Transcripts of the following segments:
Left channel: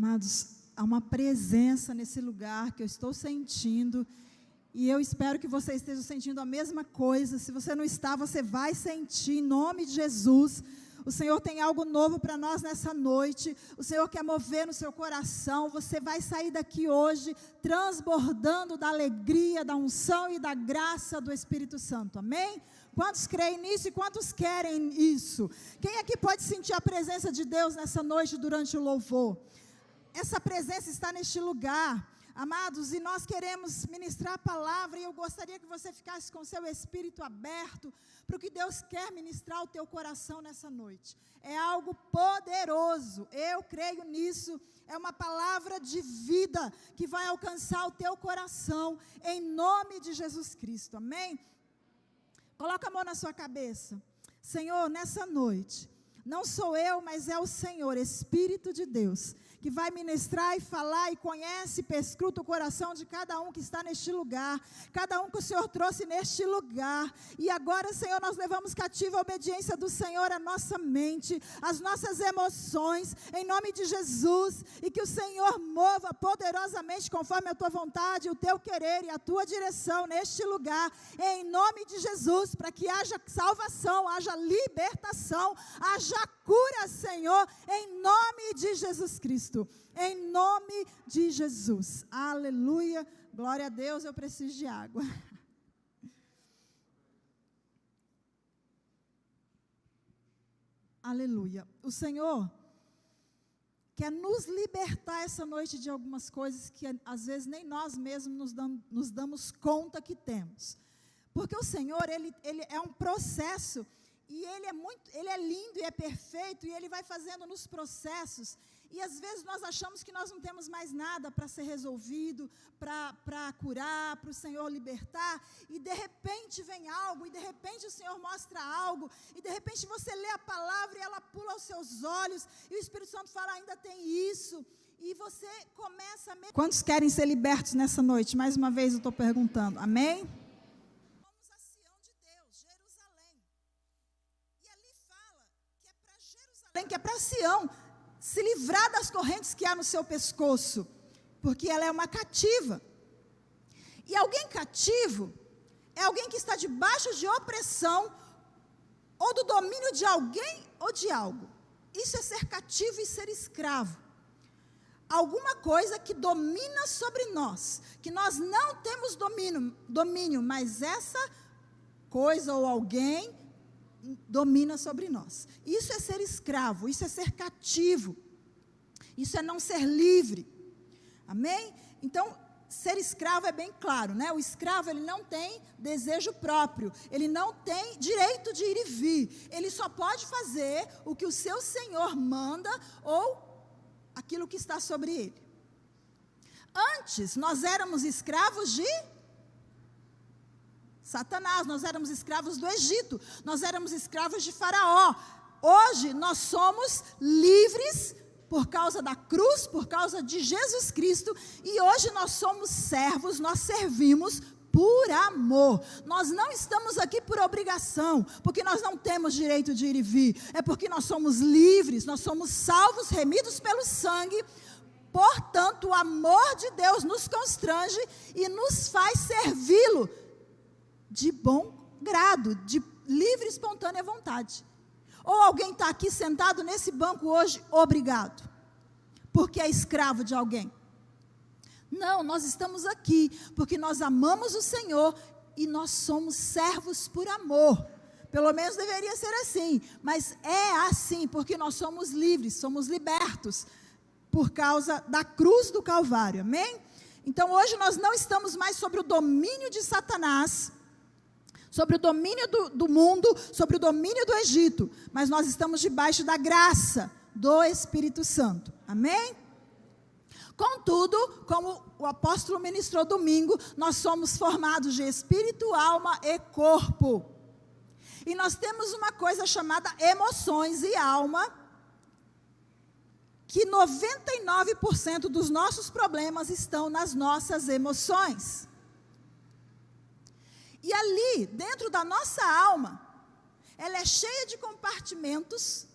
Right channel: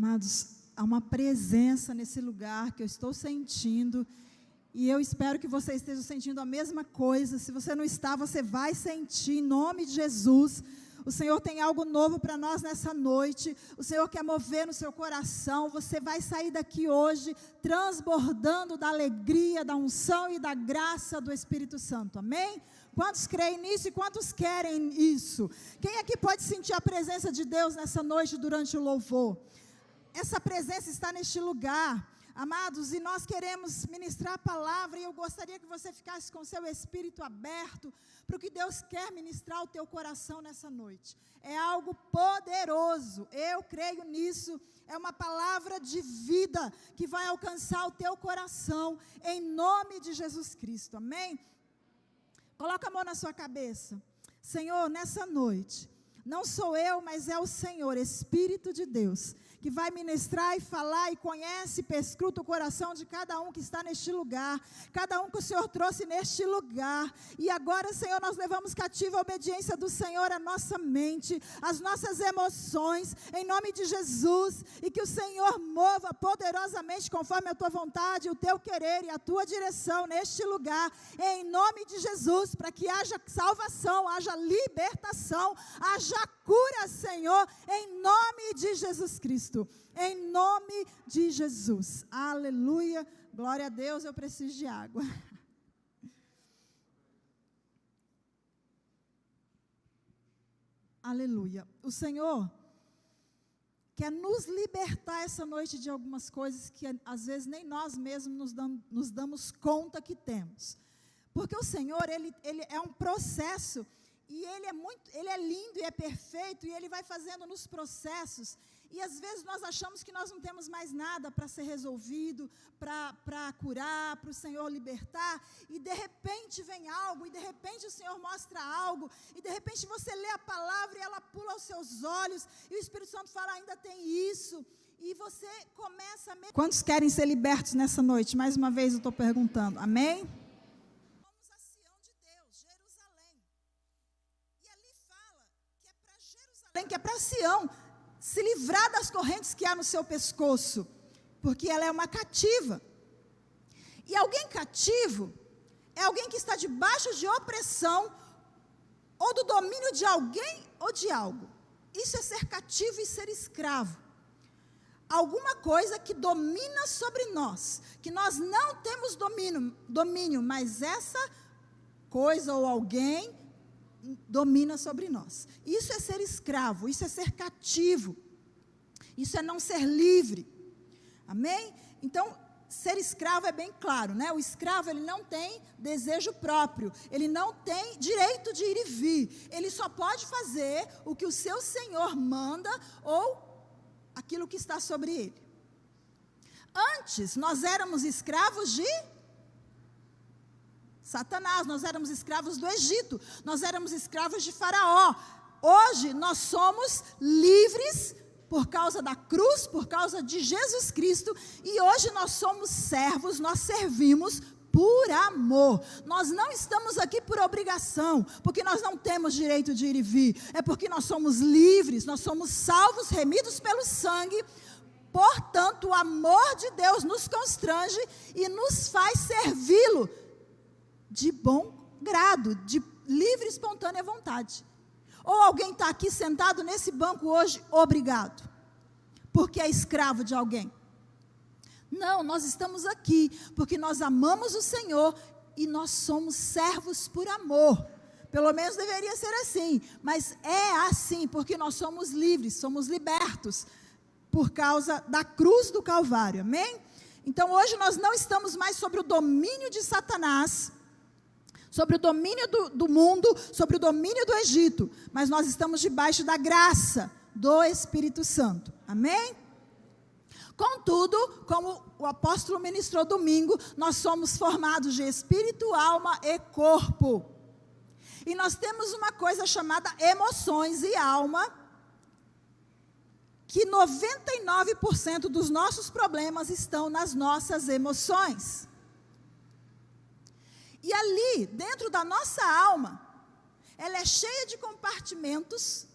Amados, há uma presença nesse lugar que eu estou sentindo, e eu espero que você esteja sentindo a mesma coisa. Se você não está, você vai sentir, em nome de Jesus. O Senhor tem algo novo para nós nessa noite. O Senhor quer mover no seu coração. Você vai sair daqui hoje transbordando da alegria, da unção e da graça do Espírito Santo. Amém? Quantos creem nisso e quantos querem isso? Quem aqui pode sentir a presença de Deus nessa noite durante o louvor? Essa presença está neste lugar, amados, e nós queremos ministrar a palavra, e eu gostaria que você ficasse com o seu espírito aberto para o que Deus quer ministrar ao teu coração nessa noite. É algo poderoso, eu creio nisso, é uma palavra de vida que vai alcançar o teu coração, em nome de Jesus Cristo, amém? Coloca a mão na sua cabeça. Senhor, nessa noite, não sou eu, mas é o Senhor, Espírito de Deus, que vai ministrar e falar, e conhece e perscruta o coração de cada um que está neste lugar, cada um que o Senhor trouxe neste lugar. E agora, Senhor, nós levamos cativa a obediência do Senhor, a nossa mente, as nossas emoções, em nome de Jesus, e que o Senhor mova poderosamente conforme a tua vontade, o teu querer e a tua direção neste lugar, em nome de Jesus, para que haja salvação, haja libertação, haja cura, Senhor, em nome de Jesus Cristo. Em nome de Jesus. Aleluia. Glória a Deus, eu preciso de água. Aleluia. O Senhor quer nos libertar essa noite de algumas coisas que às vezes nem nós mesmos nos damos conta que temos. Porque o Senhor, Ele é um processo, e Ele é lindo e é perfeito, e Ele vai fazendo nos processos. E às vezes nós achamos que nós não temos mais nada para ser resolvido, para curar, para o Senhor libertar, e de repente vem algo, e de repente o Senhor mostra algo, e de repente você lê a palavra e ela pula aos seus olhos, e o Espírito Santo fala, ainda tem isso, e você começa a... Quantos querem ser libertos nessa noite? Mais uma vez eu estou perguntando, amém? Vamos a Sião de Deus, Jerusalém, e ali fala que é para Jerusalém, que é para Sião, se livrar das correntes que há no seu pescoço, porque ela é uma cativa. E alguém cativo é alguém que está debaixo de opressão, ou do domínio de alguém ou de algo. Isso é ser cativo e ser escravo. Alguma coisa que domina sobre nós, que nós não temos domínio, mas essa coisa ou alguém domina sobre nós. Isso é ser escravo, isso é ser cativo, isso é não ser livre, amém? Então, ser escravo é bem claro, né? O escravo, ele não tem desejo próprio, ele não tem direito de ir e vir, ele só pode fazer o que o seu senhor manda, ou aquilo que está sobre ele. Antes, nós éramos escravos de Satanás, nós éramos escravos do Egito, nós éramos escravos de Faraó. Hoje nós somos livres por causa da cruz, por causa de Jesus Cristo, e hoje nós somos servos, nós servimos por amor. Nós não estamos aqui por obrigação, porque nós não temos direito de ir e vir, é porque nós somos livres, nós somos salvos, remidos pelo sangue. Portanto, o amor de Deus nos constrange e nos faz servi-lo de bom grado, de livre e espontânea vontade. Ou alguém está aqui sentado nesse banco hoje, obrigado, porque é escravo de alguém. Não, nós estamos aqui, porque nós amamos o Senhor, e nós somos servos por amor. Pelo menos deveria ser assim, mas é assim, porque nós somos livres, somos libertos, por causa da cruz do Calvário, amém? Então hoje nós não estamos mais sobre o domínio de Satanás, sobre o domínio do mundo, sobre o domínio do Egito, mas nós estamos debaixo da graça do Espírito Santo, amém? Contudo, como o apóstolo ministrou domingo, nós somos formados de espírito, alma e corpo, e nós temos uma coisa chamada emoções e alma, que 99% dos nossos problemas estão nas nossas emoções. E ali, dentro da nossa alma, ela é cheia de compartimentos,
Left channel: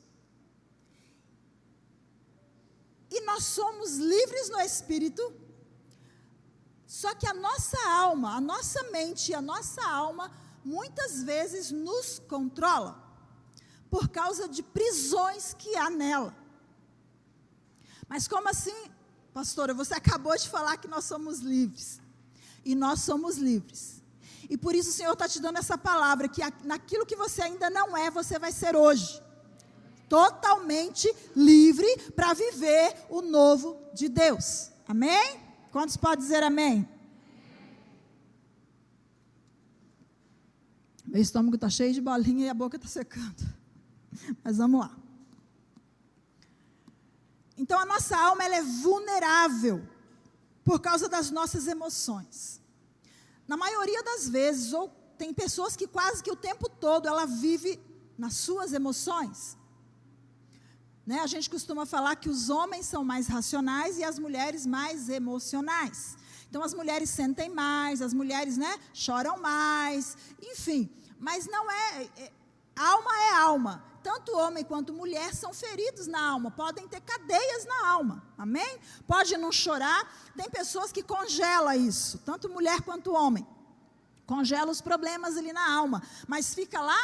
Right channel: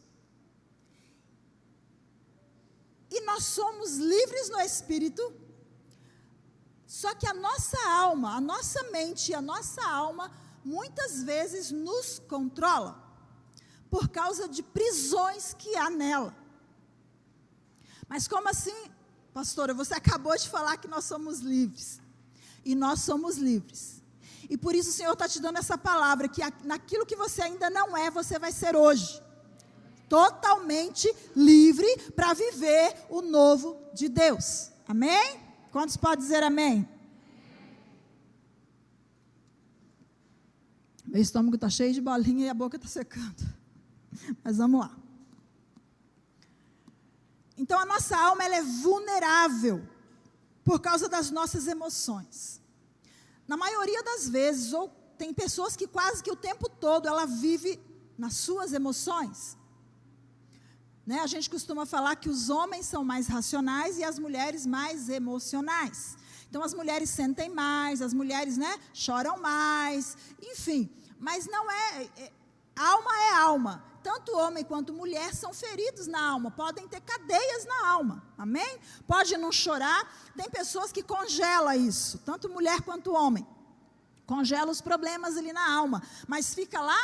E nós somos livres no espírito, só que a nossa alma, a nossa mente e a nossa alma, muitas vezes nos controla, por causa de prisões que há nela. Mas como assim, pastora, você acabou de falar que nós somos livres, e nós somos livres, e por isso o Senhor está te dando essa palavra, que naquilo que você ainda não é, você vai ser hoje, totalmente livre para viver o novo de Deus, amém? Quantos podem dizer amém? Meu estômago está cheio de bolinha e a boca está secando, mas vamos lá. Então a nossa alma, ela é vulnerável, por causa das nossas emoções, na maioria das vezes, ou tem pessoas que quase que o tempo todo, ela vive nas suas emoções, né? A gente costuma falar que os homens são mais racionais e as mulheres mais emocionais. Então as mulheres sentem mais, as mulheres, né, choram mais, enfim. Mas não alma é alma. Tanto homem quanto mulher são feridos na alma, podem ter cadeias na alma, amém? Pode não chorar, tem pessoas que congelam isso, tanto mulher quanto homem. Congela os problemas ali na alma, mas fica lá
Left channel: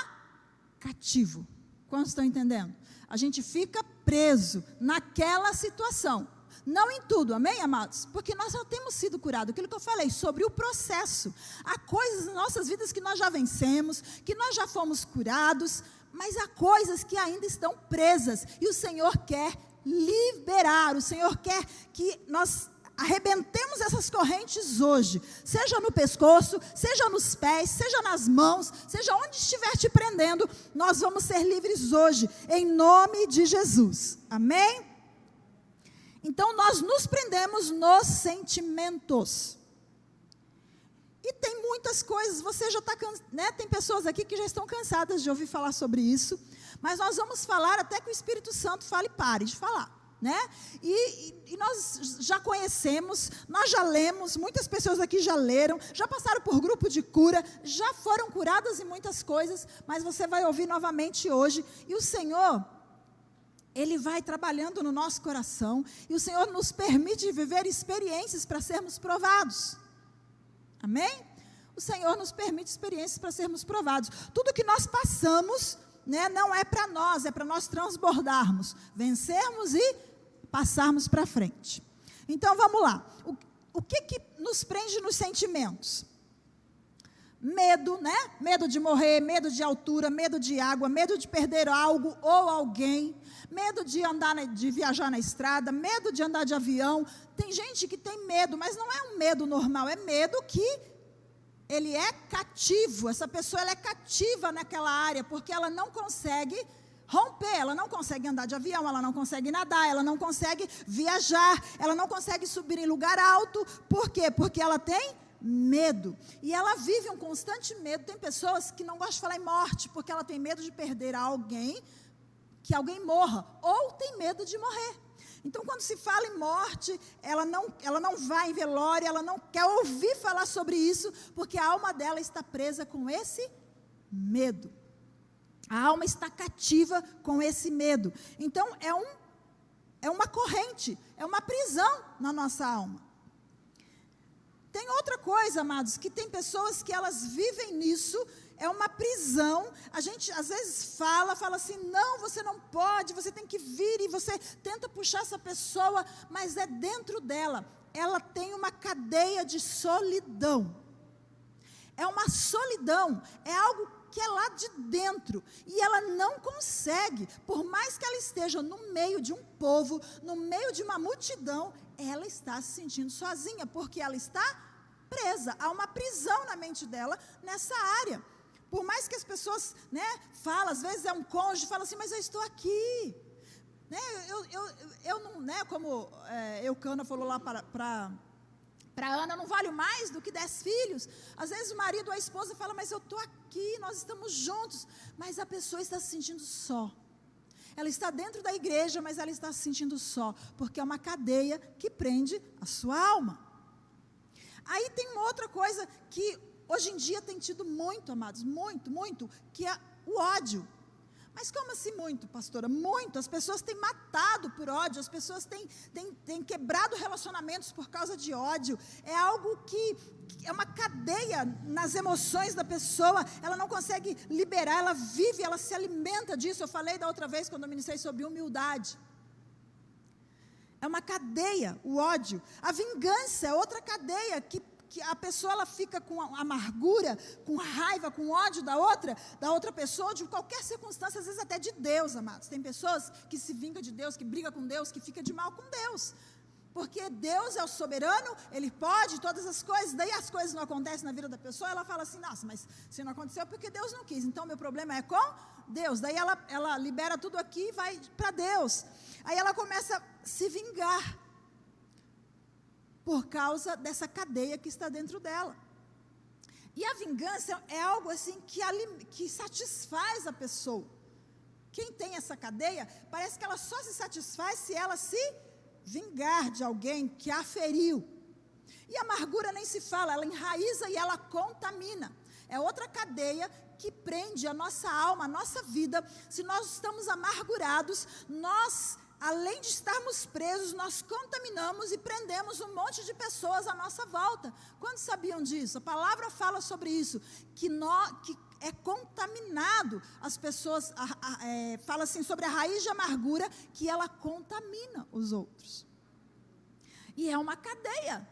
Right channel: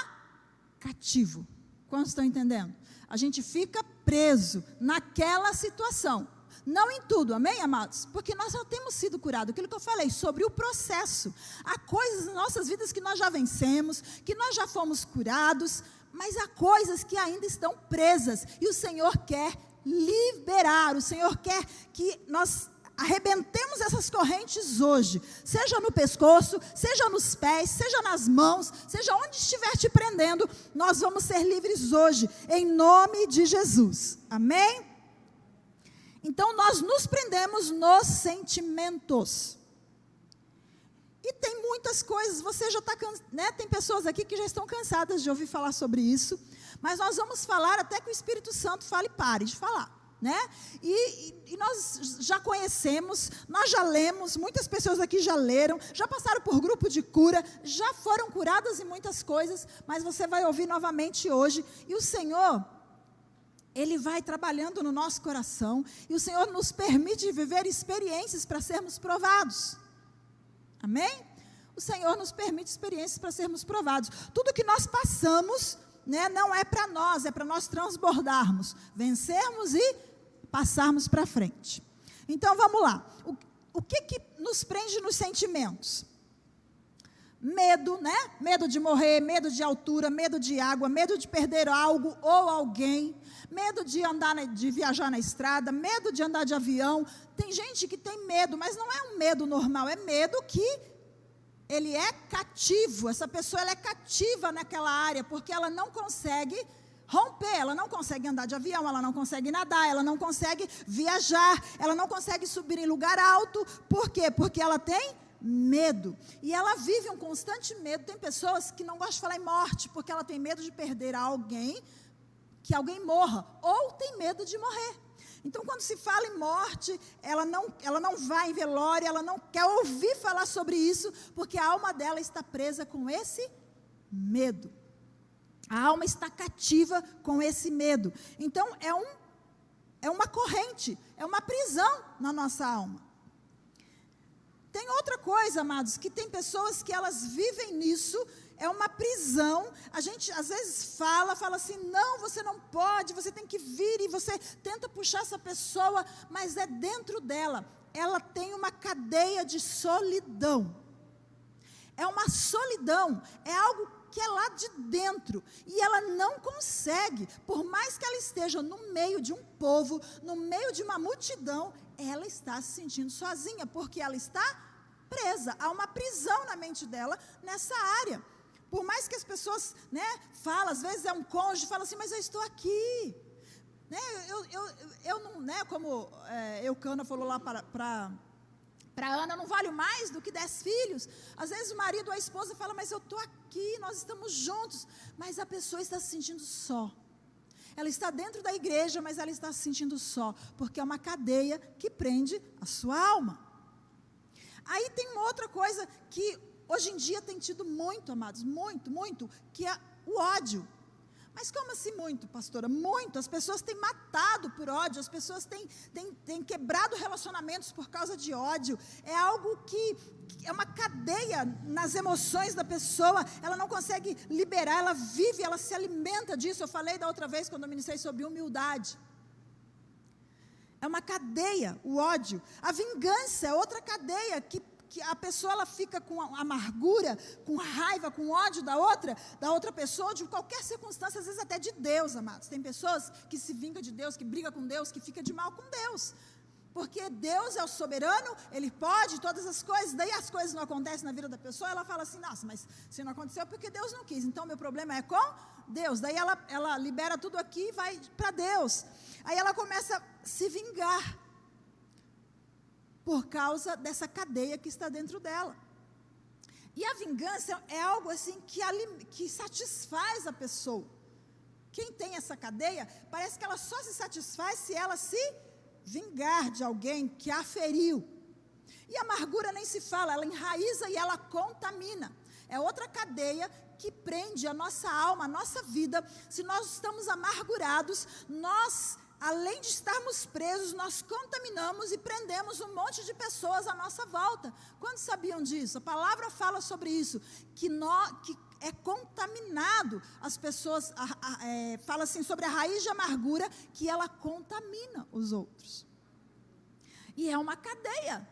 cativo. Quantos estão entendendo? A gente fica preso naquela situação, não em tudo, amém, amados? Porque nós já temos sido curados, aquilo que eu falei, sobre o processo. Há coisas nas nossas vidas que nós já vencemos, que nós já fomos curados, mas há coisas que ainda estão presas, e o Senhor quer liberar, o Senhor quer que nós arrebentemos essas correntes hoje, seja no pescoço, seja nos pés, seja nas mãos, seja onde estiver te prendendo, nós vamos ser livres hoje, em nome de Jesus, amém? Então nós nos prendemos nos sentimentos, e tem muitas coisas, você já está cansado, né? Tem pessoas aqui que já estão cansadas de ouvir falar sobre isso, mas nós vamos falar até que o Espírito Santo fale, pare de falar. Né? E nós já conhecemos, nós já lemos, muitas pessoas aqui já leram, já passaram por grupo de cura, já foram curadas em muitas coisas, mas você vai ouvir novamente hoje, e o Senhor, Ele vai trabalhando no nosso coração, e o Senhor nos permite viver experiências para sermos provados, amém? O Senhor nos permite experiências para sermos provados, tudo que nós passamos, né, não é para nós, é para nós transbordarmos, vencermos e passarmos para frente. Então vamos lá, o que nos prende nos sentimentos? Medo, né? Medo de morrer, medo de altura, medo de água, medo de perder algo ou alguém, medo de de viajar na estrada, medo de andar de avião. Tem gente que tem medo, mas não é um medo normal, é medo que ele é cativo, essa pessoa ela é cativa naquela área, porque ela não consegue romper, ela não consegue andar de avião, ela não consegue nadar, ela não consegue viajar, ela não consegue subir em lugar alto. Por quê? Porque ela tem medo, e ela vive um constante medo. Tem pessoas que não gostam de falar em morte, porque ela tem medo de perder alguém, que alguém morra, ou tem medo de morrer. Então quando se fala em morte, ela não vai em velório, ela não quer ouvir falar sobre isso, porque a alma dela está presa com esse medo. A alma está cativa com esse medo. Então é uma corrente, é uma prisão na nossa alma. Tem outra coisa, amados, que tem pessoas que elas vivem nisso, é uma prisão. A gente às vezes fala assim, não, você não pode, você tem que vir, e você tenta puxar essa pessoa, mas é dentro dela, ela tem uma cadeia de solidão. É uma solidão, é algo que é lá de dentro, e ela não consegue, por mais que ela esteja no meio de um povo, no meio de uma multidão, ela está se sentindo sozinha, porque ela está presa, há uma prisão na mente dela nessa área. Por mais que as pessoas, né, falam, às vezes é um cônjuge, fala assim, mas eu estou aqui, né, eu não, né, como Eucana falou lá para Ana, não valho mais do que 10 filhos. Às vezes o marido ou a esposa fala, mas eu estou aqui, nós estamos juntos, mas a pessoa está se sentindo só. Ela está dentro da igreja, mas ela está se sentindo só, porque é uma cadeia que prende a sua alma. Aí tem uma outra coisa que hoje em dia tem tido muito, amados, muito, que é o ódio. Mas como assim muito, pastora? Muito. As pessoas têm matado por ódio, as pessoas têm quebrado relacionamentos por causa de ódio. É algo que é uma cadeia nas emoções da pessoa, ela não consegue liberar, ela vive, ela se alimenta disso. Eu falei da outra vez, quando eu ministrei sobre humildade. É uma cadeia, o ódio. A vingança é outra cadeia que a pessoa ela fica com amargura, com raiva, com ódio da outra pessoa, de qualquer circunstância, às vezes até de Deus, amados. Tem pessoas que se vingam de Deus, que brigam com Deus, que ficam de mal com Deus. Porque Deus é o soberano, Ele pode todas as coisas, daí as coisas não acontecem na vida da pessoa, ela fala assim, nossa, mas se não aconteceu é porque Deus não quis, então meu problema é com Deus. Daí ela libera tudo aqui e vai para Deus. Aí ela começa a se vingar, por causa dessa cadeia que está dentro dela. E a vingança é algo assim que satisfaz a pessoa. Quem tem essa cadeia, parece que ela só se satisfaz se ela se vingar de alguém que a feriu. E a amargura nem se fala, ela enraiza e ela contamina. É outra cadeia que prende a nossa alma, a nossa vida. Se nós estamos amargurados, além de estarmos presos, nós contaminamos e prendemos um monte de pessoas à nossa volta. Quantos sabiam disso? A palavra fala sobre isso, que é contaminado. As pessoas, fala assim sobre a raiz de amargura, que ela contamina os outros. E é uma cadeia.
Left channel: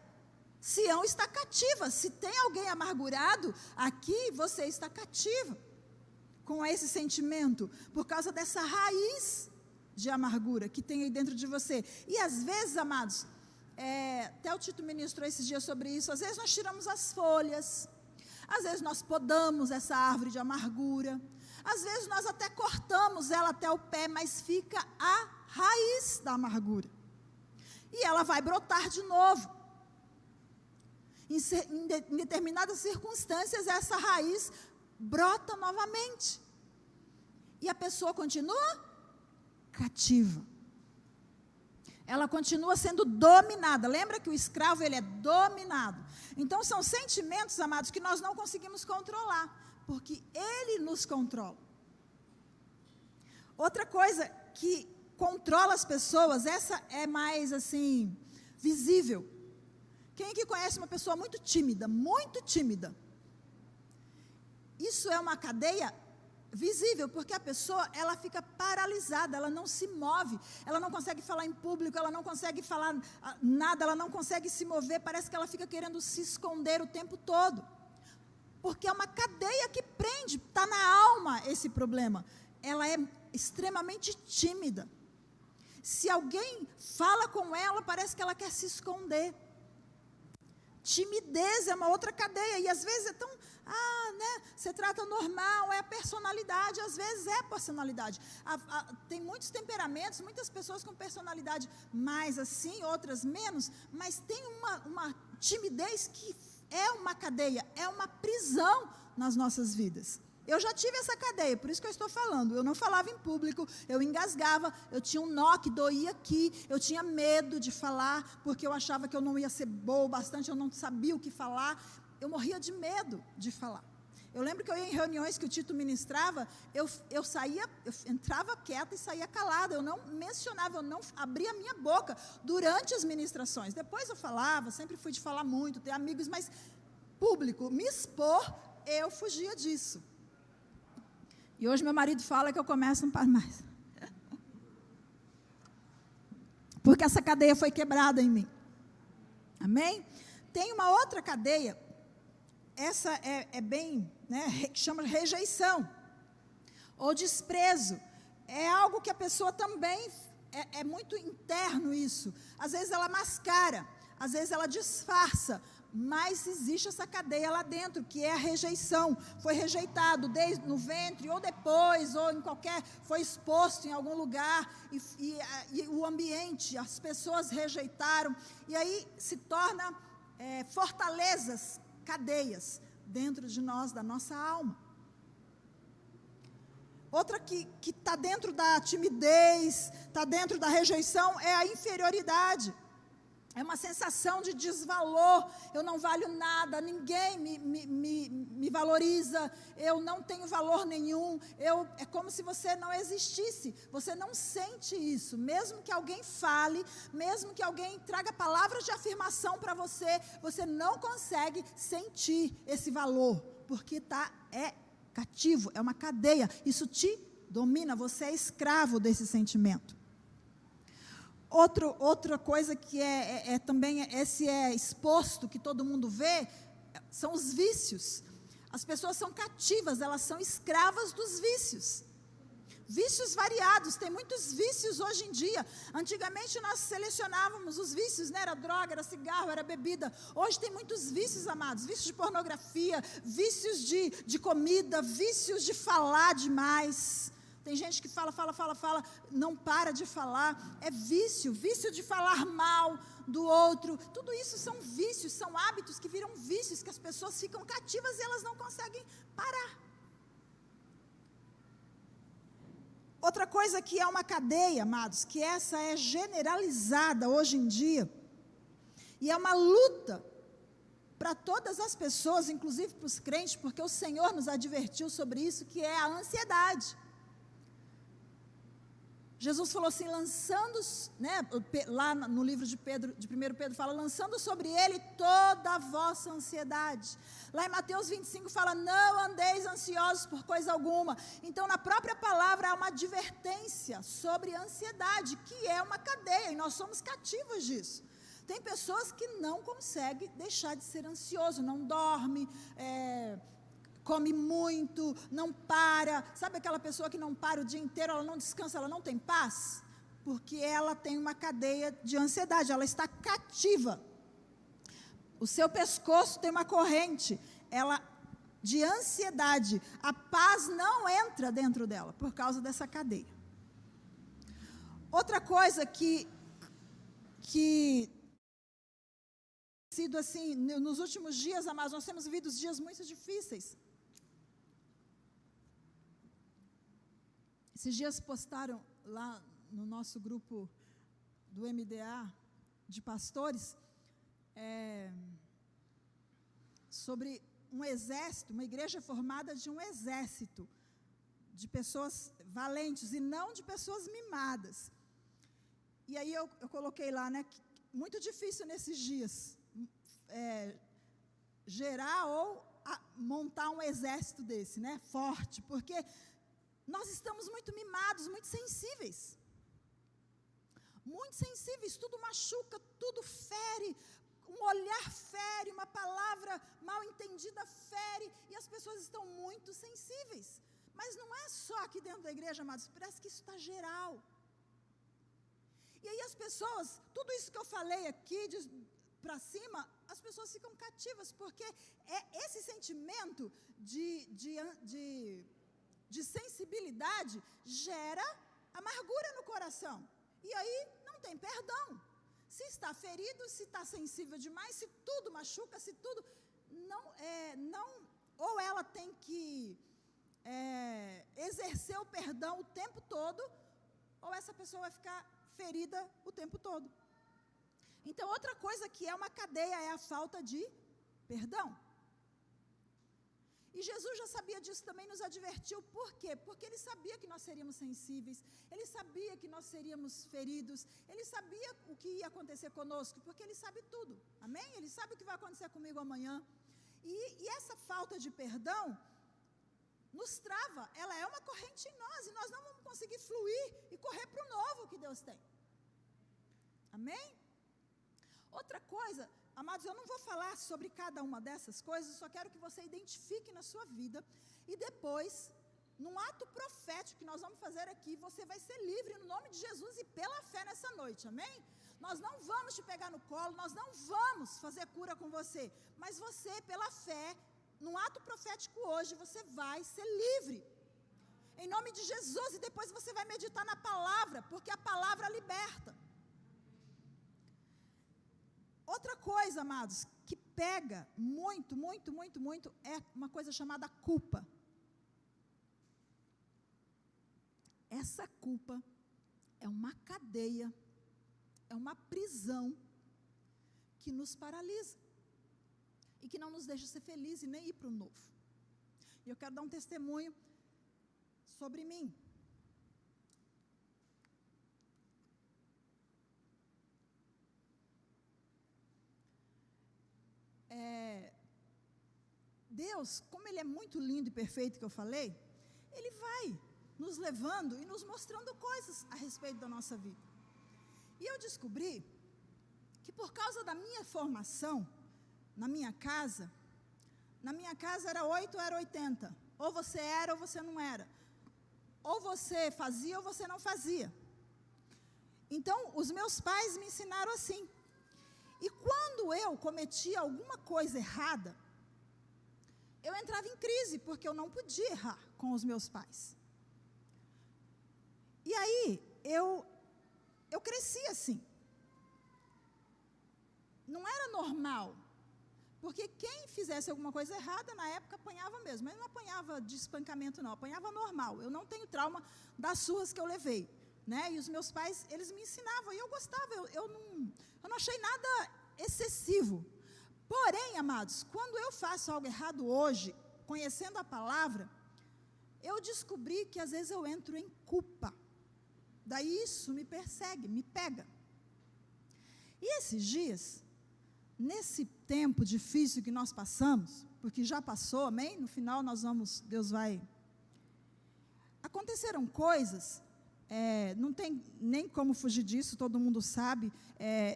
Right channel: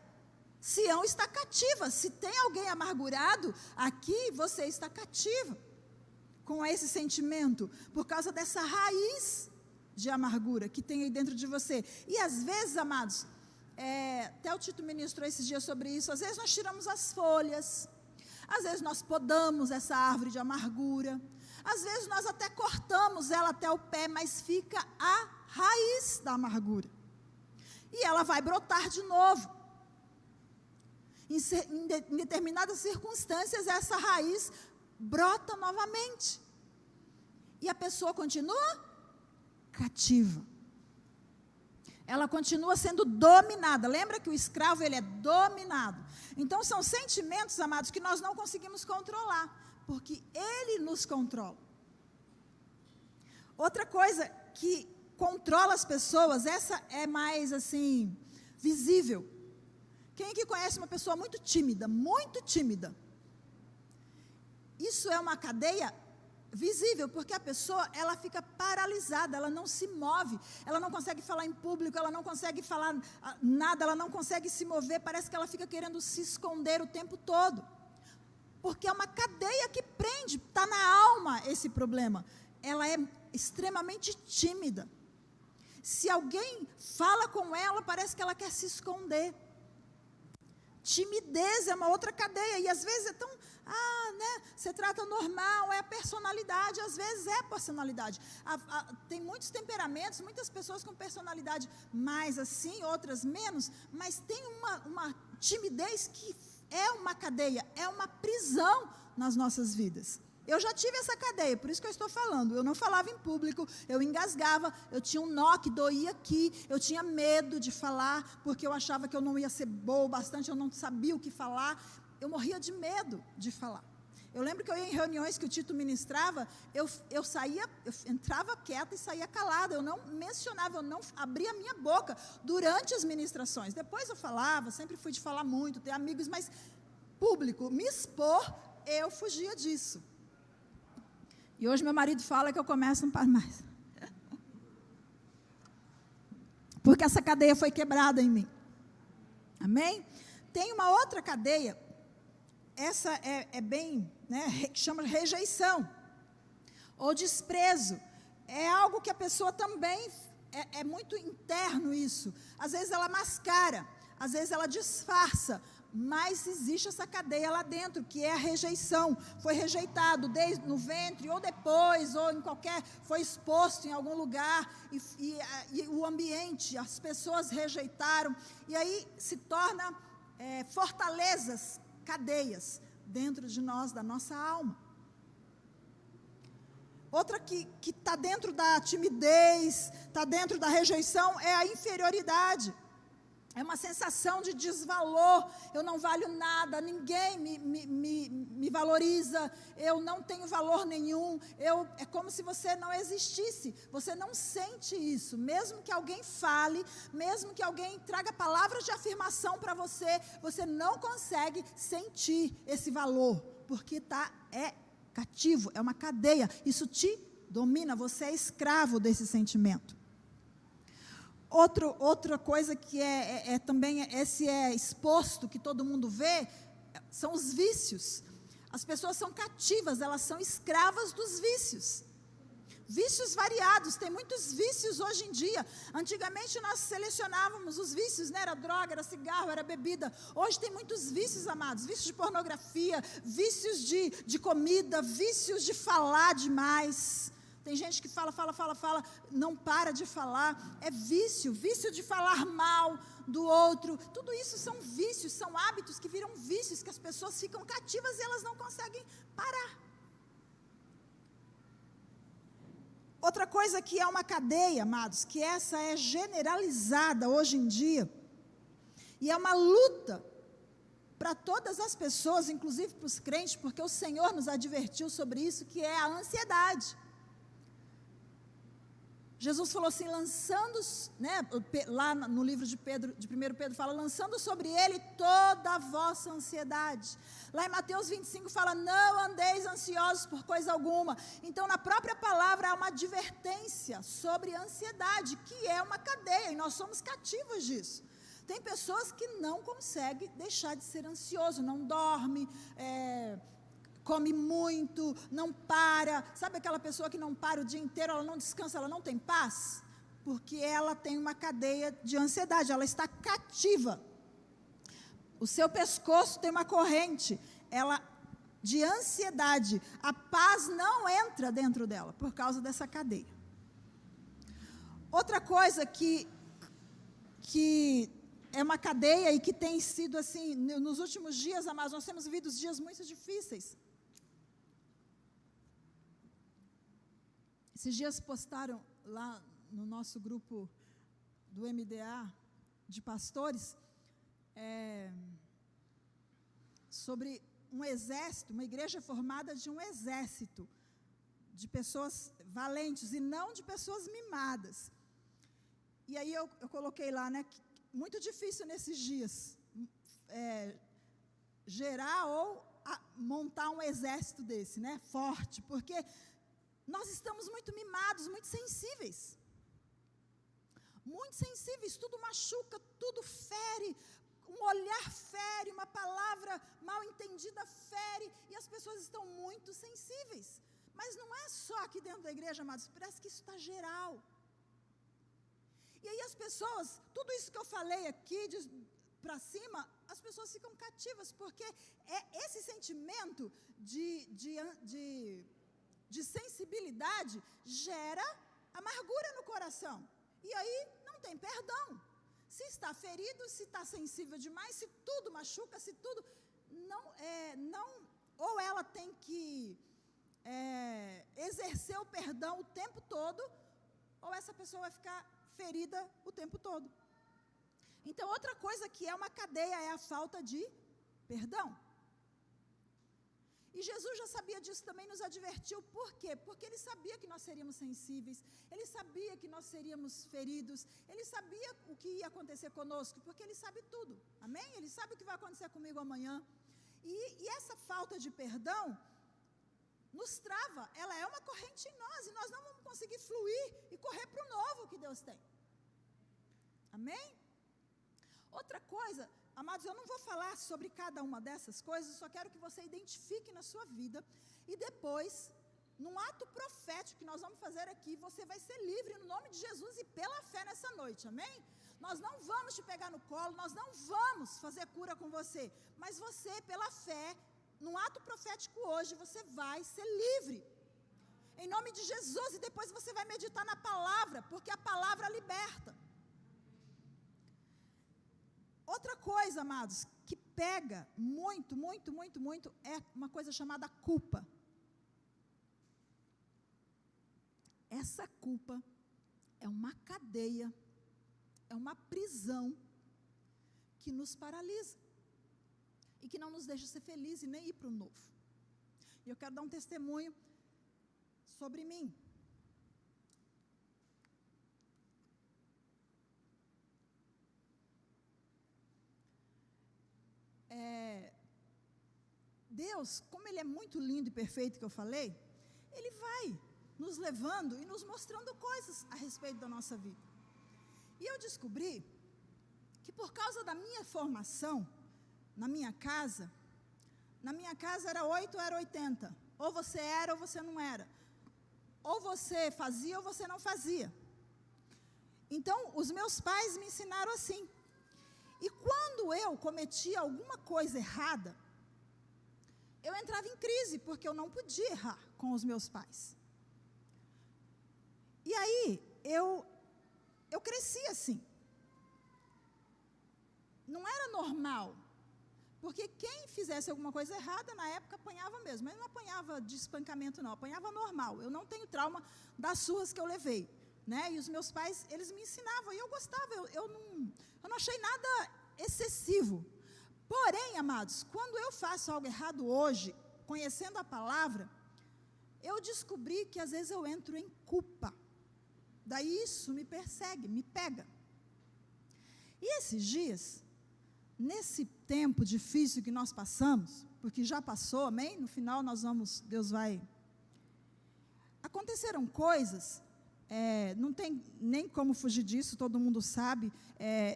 Sião está cativa. Se tem alguém amargurado, aqui você está cativa com esse sentimento, por causa dessa raiz de amargura que tem aí dentro de você. E às vezes, amados, até o Tito ministrou esses dias sobre isso, às vezes nós tiramos as folhas, às vezes nós podamos essa árvore de amargura, às vezes nós até cortamos ela até o pé, mas fica a raiz da amargura. E ela vai brotar de novo. Em determinadas circunstâncias, essa raiz brota novamente. E a pessoa continua cativa. Ela continua sendo dominada. Lembra que o escravo, ele é dominado. Então, são sentimentos, amados, que nós não conseguimos controlar, porque ele nos controla. Outra coisa que controla as pessoas, essa é mais, assim, visível. Quem aqui conhece uma pessoa muito tímida? Muito tímida. Isso é uma cadeia visível, porque a pessoa, ela fica paralisada, ela não se move, ela não consegue falar em público, ela não consegue falar nada, ela não consegue se mover, parece que ela fica querendo se esconder o tempo todo, porque é uma cadeia que prende, está na alma esse problema, ela é extremamente tímida, se alguém fala com ela, parece que ela quer se esconder. Timidez é uma outra cadeia, e às vezes é tão, você trata normal, é a personalidade, às vezes é a personalidade. Tem muitos temperamentos, muitas pessoas com personalidade mais assim, outras menos, mas tem uma timidez que é uma cadeia, é uma prisão nas nossas vidas. Eu já tive essa cadeia, por isso que eu estou falando. Eu não falava em público, eu engasgava, eu tinha um nó que doía aqui, eu tinha medo de falar, porque eu achava que eu não ia ser boa o bastante, eu não sabia o que falar. Eu morria de medo de falar. Eu lembro que eu ia em reuniões que o Tito ministrava, eu entrava quieta e saía calada, eu não mencionava, eu não abria a minha boca durante as ministrações. Depois eu falava, sempre fui de falar muito, ter amigos, mas público, me expor, eu fugia disso. E hoje meu marido fala que eu começo a não parar mais. Porque essa cadeia foi quebrada em mim. Amém? Tem uma outra cadeia, essa é bem, que chama rejeição, ou desprezo. É algo que a pessoa também, é muito interno isso. Às vezes ela mascara, às vezes ela disfarça, mas existe essa cadeia lá dentro, que é a rejeição. Foi rejeitado desde no ventre, ou depois, ou em qualquer, foi exposto em algum lugar, e o ambiente, as pessoas rejeitaram, e aí se torna fortalezas, cadeias, dentro de nós, da nossa alma. Outra que está dentro da timidez, está dentro da rejeição, é a inferioridade. É uma sensação de desvalor, eu não valho nada, ninguém me valoriza, eu não tenho valor nenhum, é como se você não existisse, você não sente isso, mesmo que alguém fale, mesmo que alguém traga palavras de afirmação para você, você não consegue sentir esse valor, porque é cativo, é uma cadeia, isso te domina, você é escravo desse sentimento. Outra coisa que também, esse é exposto, que todo mundo vê, são os vícios. As pessoas são cativas, elas são escravas dos vícios. Vícios variados, tem muitos vícios hoje em dia. Antigamente nós selecionávamos os vícios, né? Era droga, era cigarro, era bebida. Hoje tem muitos vícios, amados, vícios de pornografia, vícios de comida, vícios de falar demais. Tem gente que fala, não para de falar, é vício de falar mal do outro, tudo isso são vícios, são hábitos que viram vícios, que as pessoas ficam cativas e elas não conseguem parar. Outra coisa que é uma cadeia, amados, que essa é generalizada hoje em dia, e é uma luta para todas as pessoas, inclusive para os crentes, porque o Senhor nos advertiu sobre isso, que é a ansiedade. Jesus falou assim, lançando, né, lá no livro de 1 Pedro fala, lançando sobre ele toda a vossa ansiedade. Lá em Mateus 25 fala, não andeis ansiosos por coisa alguma. Então na própria palavra há uma advertência sobre ansiedade, que é uma cadeia, e nós somos cativos disso. Tem pessoas que não conseguem deixar de ser ansioso, não dorme, come muito, não para, sabe aquela pessoa que não para o dia inteiro, ela não descansa, ela não tem paz? Porque ela tem uma cadeia de ansiedade, ela está cativa. O seu pescoço tem uma corrente, de ansiedade, a paz não entra dentro dela, por causa dessa cadeia. Outra coisa que sido assim, nos últimos dias, amados, nós temos vivido dias muito difíceis. Esses dias postaram lá no nosso grupo do MDA de pastores sobre um exército, uma igreja formada de um exército de pessoas valentes e não de pessoas mimadas. E aí eu coloquei lá, né, que muito difícil nesses dias gerar ou montar um exército desse, né, forte, porque nós estamos muito mimados, muito sensíveis, tudo machuca, tudo fere, um olhar fere, uma palavra mal entendida fere, e as pessoas estão muito sensíveis, mas não é só aqui dentro da igreja, amados, parece que isso está geral, e aí as pessoas, tudo isso que eu falei aqui, para cima, as pessoas ficam cativas, porque esse sentimento de sensibilidade gera amargura no coração, e aí não tem perdão. Se está ferido, se está sensível demais, se tudo machuca, se tudo ou ela tem que exercer o perdão o tempo todo, ou essa pessoa vai ficar ferida o tempo todo. Então, outra coisa que é uma cadeia é a falta de perdão. E Jesus já sabia disso também, nos advertiu. Por quê? Porque Ele sabia que nós seríamos sensíveis, Ele sabia que nós seríamos feridos, Ele sabia o que ia acontecer conosco, porque Ele sabe tudo, amém? Ele sabe o que vai acontecer comigo amanhã. E essa falta de perdão nos trava, ela é uma corrente em nós, e nós não vamos conseguir fluir e correr para o novo que Deus tem, amém? Outra coisa, amados, eu não vou falar sobre cada uma dessas coisas, só quero que você identifique na sua vida, e depois, num ato profético que nós vamos fazer aqui, você vai ser livre no nome de Jesus e pela fé nessa noite, amém? Nós não vamos te pegar no colo, nós não vamos fazer cura com você, mas você, pela fé, num ato profético hoje, você vai ser livre, em nome de Jesus, e depois você vai meditar na palavra, porque a palavra liberta. Outra coisa, amados, que pega muito, é uma coisa chamada culpa. Essa culpa é uma cadeia, é uma prisão que nos paralisa e que não nos deixa ser felizes e nem ir para o novo. E eu quero dar um testemunho sobre mim. Deus, como Ele é muito lindo e perfeito, que eu falei, Ele vai nos levando e nos mostrando coisas a respeito da nossa vida. E eu descobri que por causa da minha formação, na minha casa era 8 ou era 80. Ou você era ou você não era. Ou você fazia ou você não fazia. Então, os meus pais me ensinaram assim. E quando eu cometia alguma coisa errada, eu entrava em crise, porque eu não podia errar com os meus pais. E aí, eu cresci assim. Não era normal, porque quem fizesse alguma coisa errada, na época, apanhava mesmo. Mas não apanhava de espancamento, não, apanhava normal. Eu não tenho trauma das surras que eu levei, né? E os meus pais, eles me ensinavam, e eu gostava, eu não achei nada excessivo. Porém, amados, quando eu faço algo errado hoje, conhecendo a palavra, eu descobri que às vezes eu entro em culpa. Daí isso me persegue, me pega. E esses dias, nesse tempo difícil que nós passamos, porque já passou, amém? No final Deus vai... Aconteceram coisas, não tem nem como fugir disso, todo mundo sabe.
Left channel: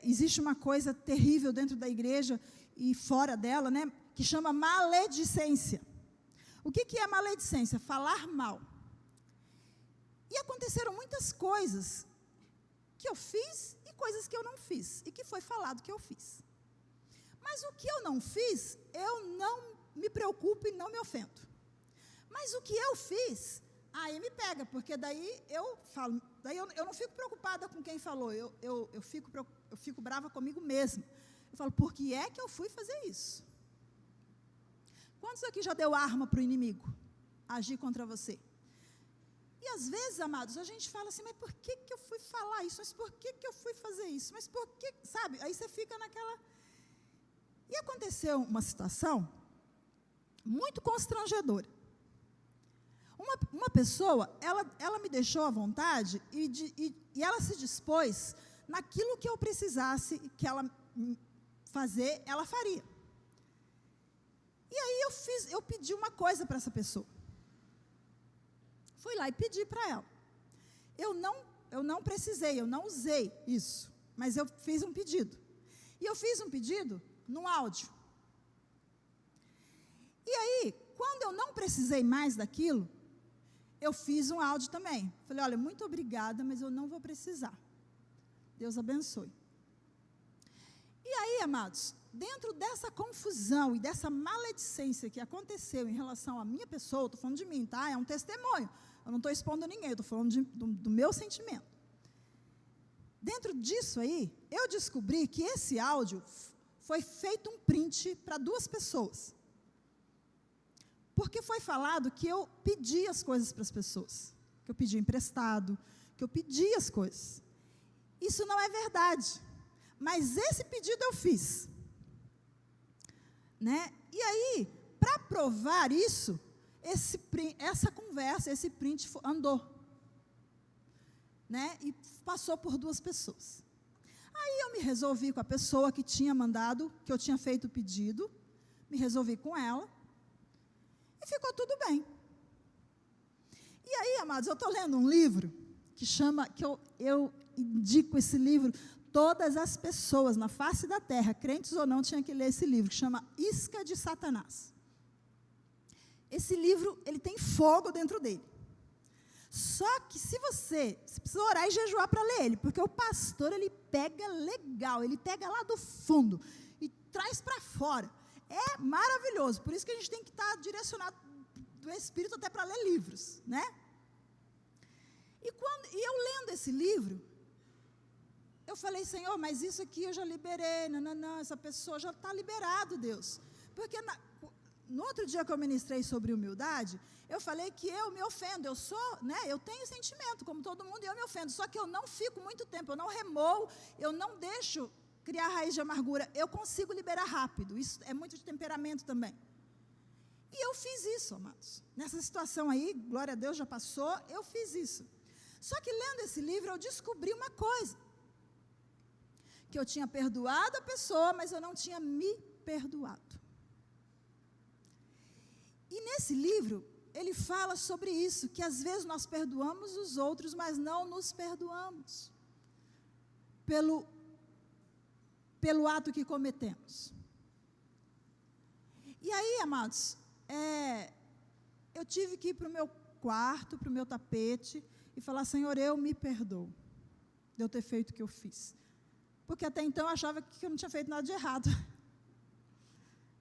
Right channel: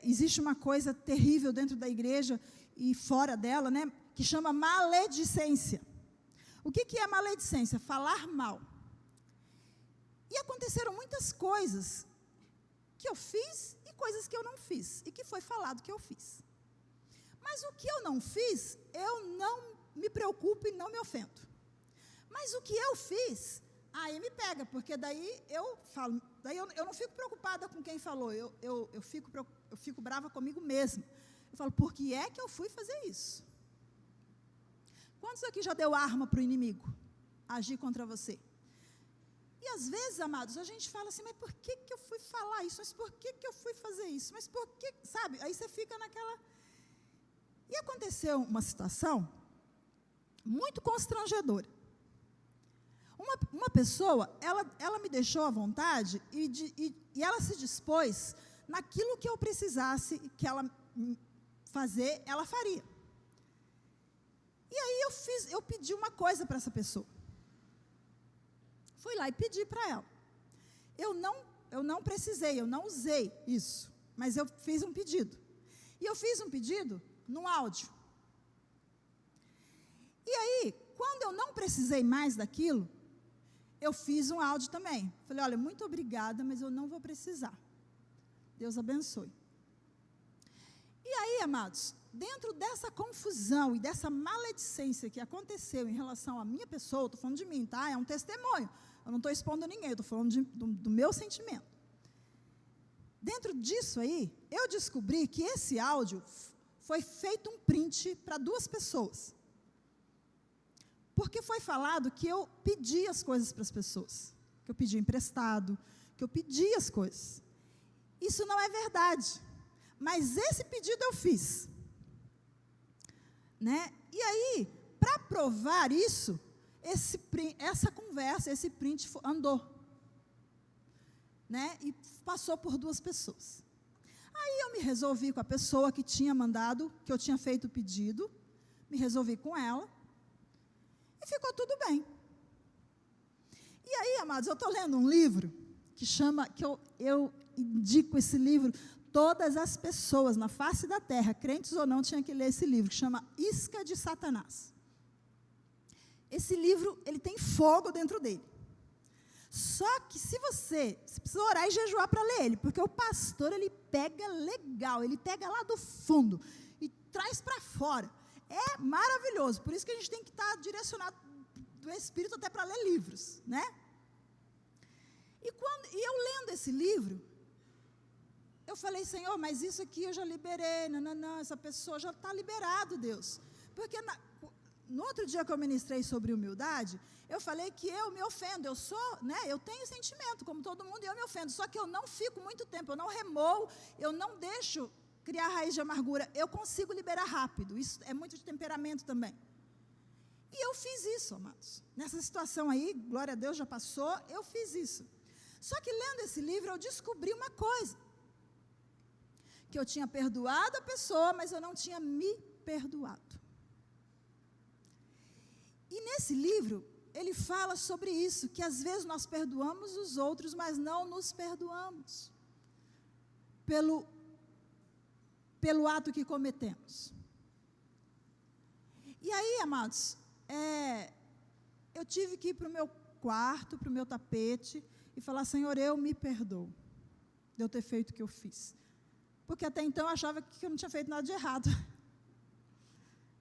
Existe uma coisa terrível dentro da igreja e fora dela, né? Que chama maledicência. O que é maledicência? Falar mal. E aconteceram muitas coisas que eu fiz e coisas que eu não fiz, e que foi falado que eu fiz. Mas o que eu não fiz, eu não me preocupo e não me ofendo. Mas o que eu fiz, aí me pega, porque daí eu falo, daí eu não fico preocupada com quem falou, eu fico brava comigo mesma. Eu falo, por que é que eu fui fazer isso? Quantos aqui já deu arma para o inimigo agir contra você? E às vezes, amados, a gente fala assim, mas por que eu fui falar isso? Mas por que eu fui fazer isso? Mas por que, sabe? Aí você fica naquela... E aconteceu uma situação muito constrangedora. Uma pessoa, ela me deixou à vontade e ela se dispôs naquilo que eu precisasse que ela fazer, ela faria. E aí eu pedi uma coisa para essa pessoa. Fui lá e pedi para ela. Eu não precisei, eu não usei isso, mas eu fiz um pedido. E eu fiz um pedido num áudio. E aí, quando eu não precisei mais daquilo, eu fiz um áudio também. Falei, olha, muito obrigada, mas eu não vou precisar. Deus abençoe. E aí, amados, dentro dessa confusão e dessa maledicência que aconteceu em relação à minha pessoa, estou falando de mim, tá? É um testemunho. Eu não estou expondo ninguém, eu estou falando do meu sentimento. Dentro disso aí, eu descobri que esse áudio foi feito um print para 2 pessoas. Porque foi falado que eu pedi as coisas para as pessoas. Que eu pedi emprestado, que eu pedi as coisas. Isso não é verdade. Mas esse pedido eu fiz. Né? E aí, para provar isso, essa conversa, esse print andou. Né? E passou por 2 pessoas. Aí eu me resolvi com a pessoa que tinha mandado, que eu tinha feito o pedido, me resolvi com ela, e ficou tudo bem. E aí, amados, eu estou lendo um livro, que eu indico esse livro, todas as pessoas na face da terra, crentes ou não, tinham que ler esse livro, que chama Isca de Satanás. Esse livro, ele tem fogo dentro dele. Só que se você precisa orar e jejuar para ler ele, porque o pastor, ele pega legal, ele pega lá do fundo e traz para fora. É maravilhoso, por isso que a gente tem que estar direcionado do Espírito até para ler livros, né? E eu lendo esse livro, eu falei, Senhor, mas isso aqui eu já liberei, não, essa pessoa já está liberado, Deus. Porque no outro dia que eu ministrei sobre humildade, eu falei que eu me ofendo, eu tenho sentimento, como todo mundo, e eu me ofendo, só que eu não fico muito tempo, eu não remoo, eu não deixo criar raiz de amargura. Eu consigo liberar rápido, isso é muito de temperamento também. E eu fiz isso, amados. Nessa situação aí, glória a Deus, já passou, eu fiz isso. Só que lendo esse livro, eu descobri uma coisa. Que eu tinha perdoado a pessoa, mas eu não tinha me perdoado. E nesse livro, ele fala sobre isso, que às vezes nós perdoamos os outros, mas não nos perdoamos. Pelo ato que cometemos. E aí, amados, eu tive que ir para o meu quarto, para o meu tapete, e falar, Senhor, eu me perdoo de eu ter feito o que eu fiz. Porque até então eu achava que eu não tinha feito nada de errado.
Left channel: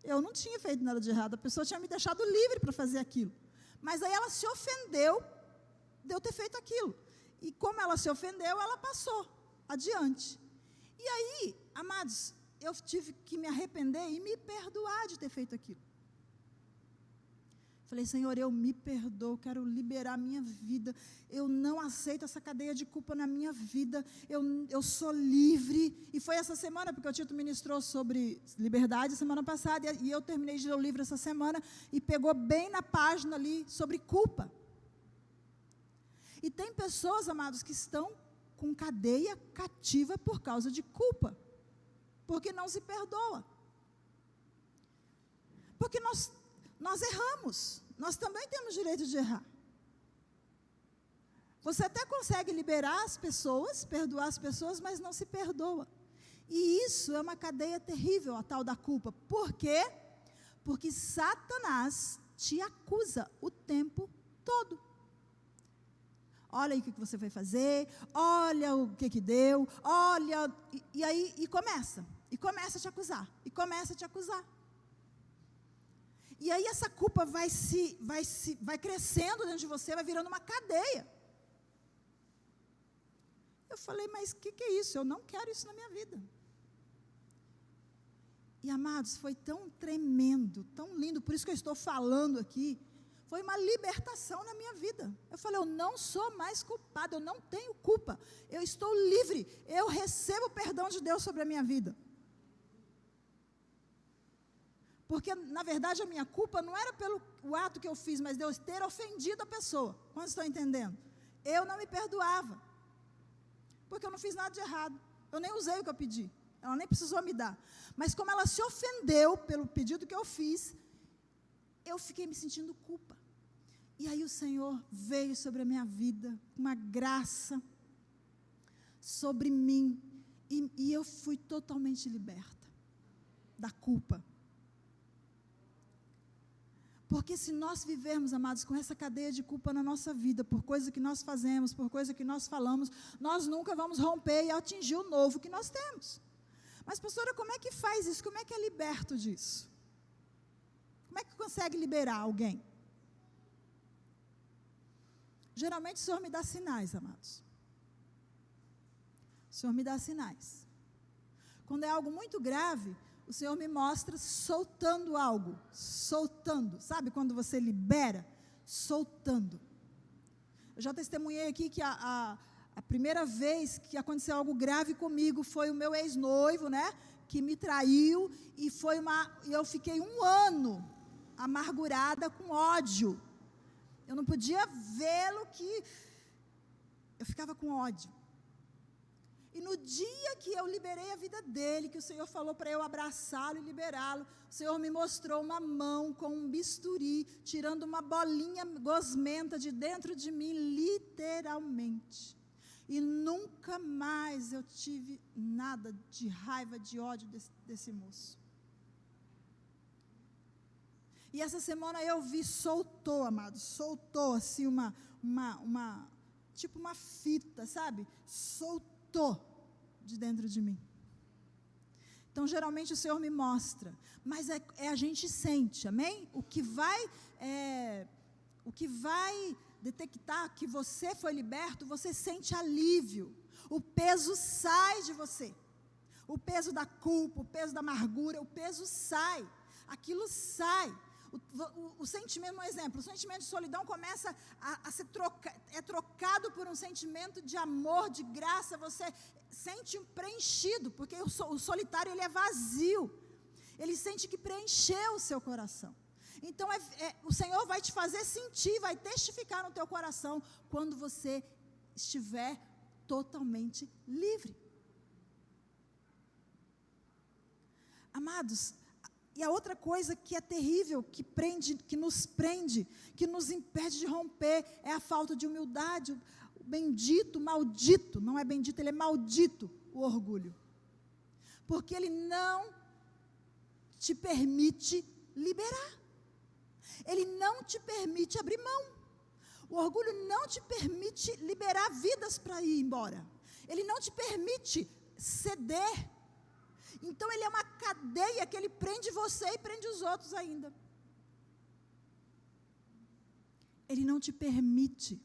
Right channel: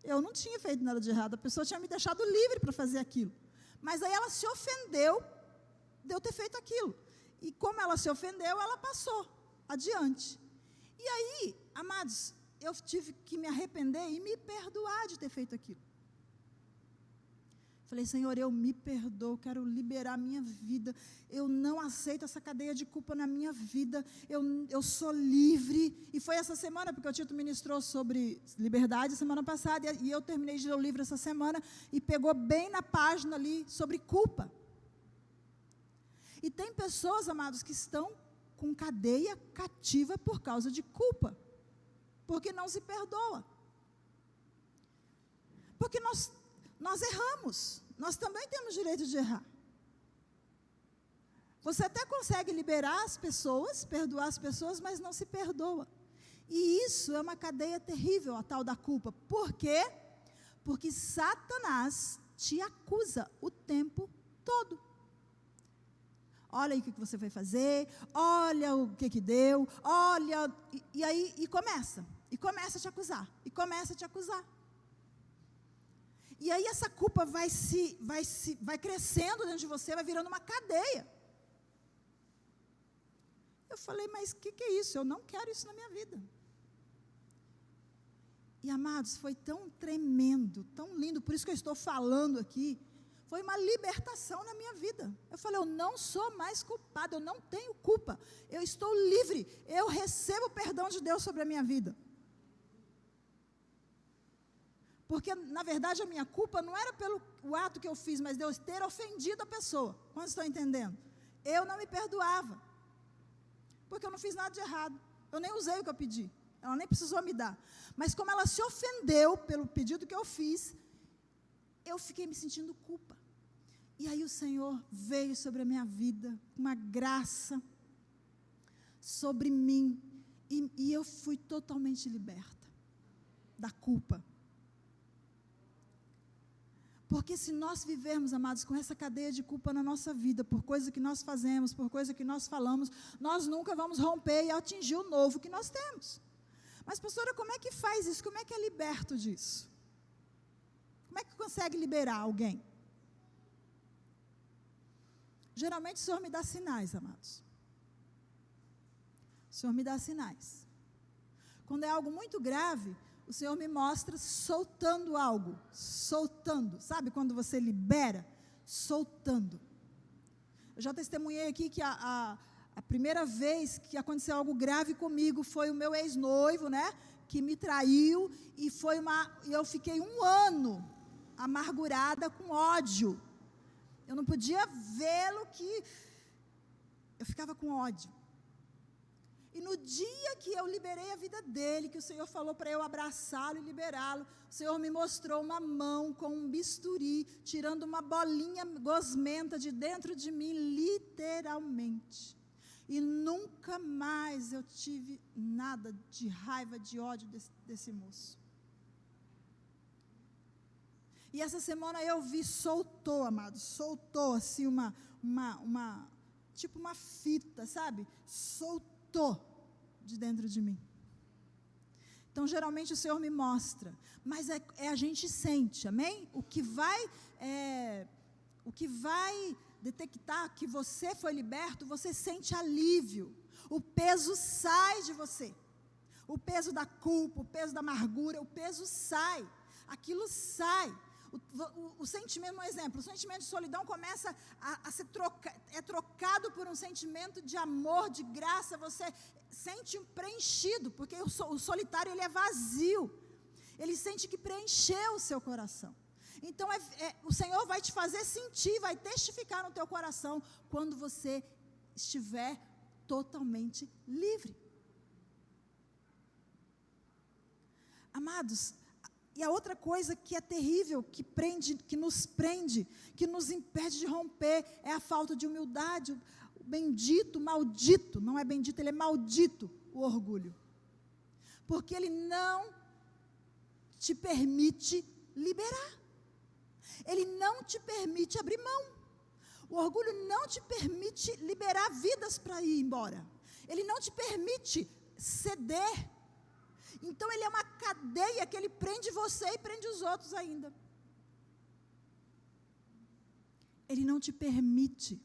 Eu não tinha feito nada de errado, a pessoa tinha me deixado livre para fazer aquilo. Mas aí ela se ofendeu de eu ter feito aquilo. E como ela se ofendeu, ela passou adiante. E aí, amados, eu tive que me arrepender e me perdoar de ter feito aquilo. Falei, Senhor, eu me perdoo, quero liberar a minha vida, eu não aceito essa cadeia de culpa na minha vida, eu sou livre. E foi essa semana, porque o Tito ministrou sobre liberdade semana passada, e eu terminei de ler o livro essa semana, e pegou bem na página ali sobre culpa. E tem pessoas, amados, que estão com cadeia cativa por causa de culpa, porque não se perdoa. Porque nós erramos, nós também temos direito de errar. Você até consegue liberar as pessoas, perdoar as pessoas, mas não se perdoa. E isso é uma cadeia terrível, a tal da culpa. Por quê? Porque Satanás te acusa o tempo todo. Olha aí o que você vai fazer, olha o que deu, olha, e aí começa a te acusar, e começa a te acusar. E aí essa culpa vai crescendo dentro de você, vai virando uma cadeia. Eu falei, mas o que é isso? Eu não quero isso na minha vida. E amados, foi tão tremendo, tão lindo, por isso que eu estou falando aqui, foi uma libertação na minha vida. Eu falei, eu não sou mais culpada, eu não tenho culpa, eu estou livre, eu recebo o perdão de Deus sobre a minha vida. Porque, na verdade, a minha culpa não era pelo o ato que eu fiz, mas Deus ter ofendido a pessoa. Quantos estão entendendo? Eu não me perdoava. Porque eu não fiz nada de errado. Eu nem usei o que eu pedi. Ela nem precisou me dar. Mas como ela se ofendeu pelo pedido que eu fiz, eu fiquei me sentindo culpa. E aí o Senhor veio sobre a minha vida, uma graça sobre mim. E eu fui totalmente liberta da culpa. Porque se nós vivermos, amados, com essa cadeia de culpa na nossa vida, por coisa que nós fazemos, por coisa que nós falamos, nós nunca vamos romper e atingir o novo que nós temos. Mas, pastora, como é que faz isso? Como é que é liberto disso? Como é que consegue liberar alguém? Geralmente o Senhor me dá sinais, amados. O Senhor me dá sinais. Quando é algo muito grave, o Senhor me mostra soltando algo, soltando, sabe quando você libera? Soltando. Eu já testemunhei aqui que a primeira vez que aconteceu algo grave comigo foi o meu ex-noivo, né, que me traiu, e eu fiquei 1 ano amargurada com ódio. Eu não podia vê-lo, que eu ficava com ódio. E no dia que eu liberei a vida dele, que o Senhor falou para eu abraçá-lo e liberá-lo, o Senhor me mostrou uma mão com um bisturi, tirando uma bolinha gosmenta de dentro de mim, literalmente. E nunca mais eu tive nada de raiva, de ódio desse moço. E essa semana eu vi, soltou, amado, soltou assim tipo uma fita, sabe? Soltou de dentro de mim. Então, geralmente o Senhor me mostra, mas a gente sente, amém? O que vai detectar que você foi liberto, você sente alívio, o peso sai de você, o peso da culpa, o peso da amargura, o peso sai, aquilo sai, O sentimento, um exemplo, o sentimento de solidão começa a ser trocado por um sentimento de amor, de graça, você sente um preenchido, porque o solitário ele é vazio, ele sente que preencheu o seu coração. Então o Senhor vai te fazer sentir, vai testificar no teu coração, quando você estiver totalmente livre. Amados, e a outra coisa que é terrível, que nos prende, que nos impede de romper, é a falta de humildade, o bendito, maldito, não é bendito, ele é maldito, o orgulho. Porque ele não te permite liberar. Ele não te permite abrir mão. O orgulho não te permite liberar vidas para ir embora. Ele não te permite ceder. Então ele é uma cadeia que ele prende você e prende os outros ainda. Ele não te permite.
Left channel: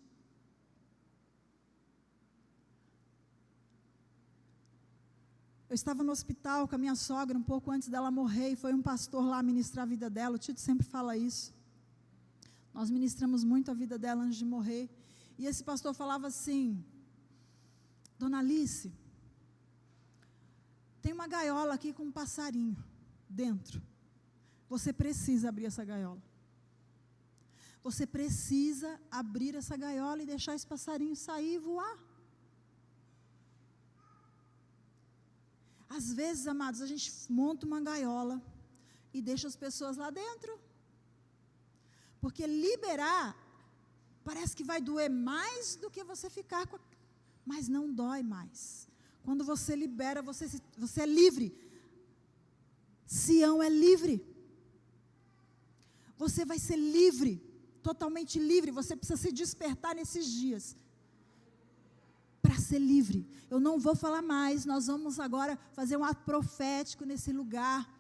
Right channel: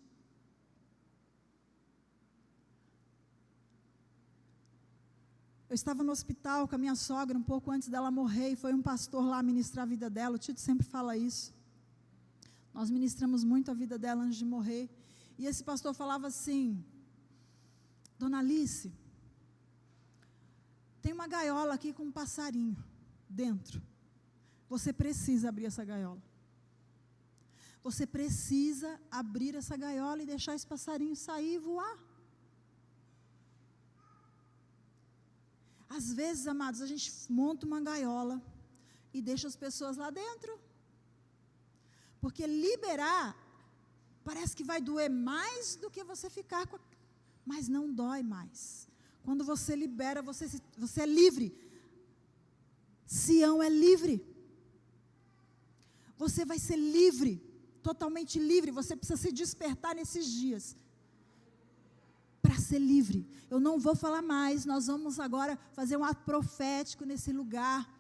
Eu estava no hospital com a minha sogra um pouco antes dela morrer, e foi um pastor lá ministrar a vida dela. O Tito sempre fala isso. Nós ministramos muito a vida dela antes de morrer. E esse pastor falava assim: Dona Alice, tem uma gaiola aqui com um passarinho dentro. Você precisa abrir essa gaiola. Você precisa abrir essa gaiola e deixar esse passarinho sair e voar. Às vezes, amados, a gente monta uma gaiola e deixa as pessoas lá dentro. Porque liberar parece que vai doer mais do que você ficar com mas não dói mais. Quando você libera, você é livre. Sião é livre. Você vai ser livre, totalmente livre. Você precisa se despertar nesses dias para ser livre. Eu não vou falar mais, nós vamos agora fazer um ato profético nesse lugar.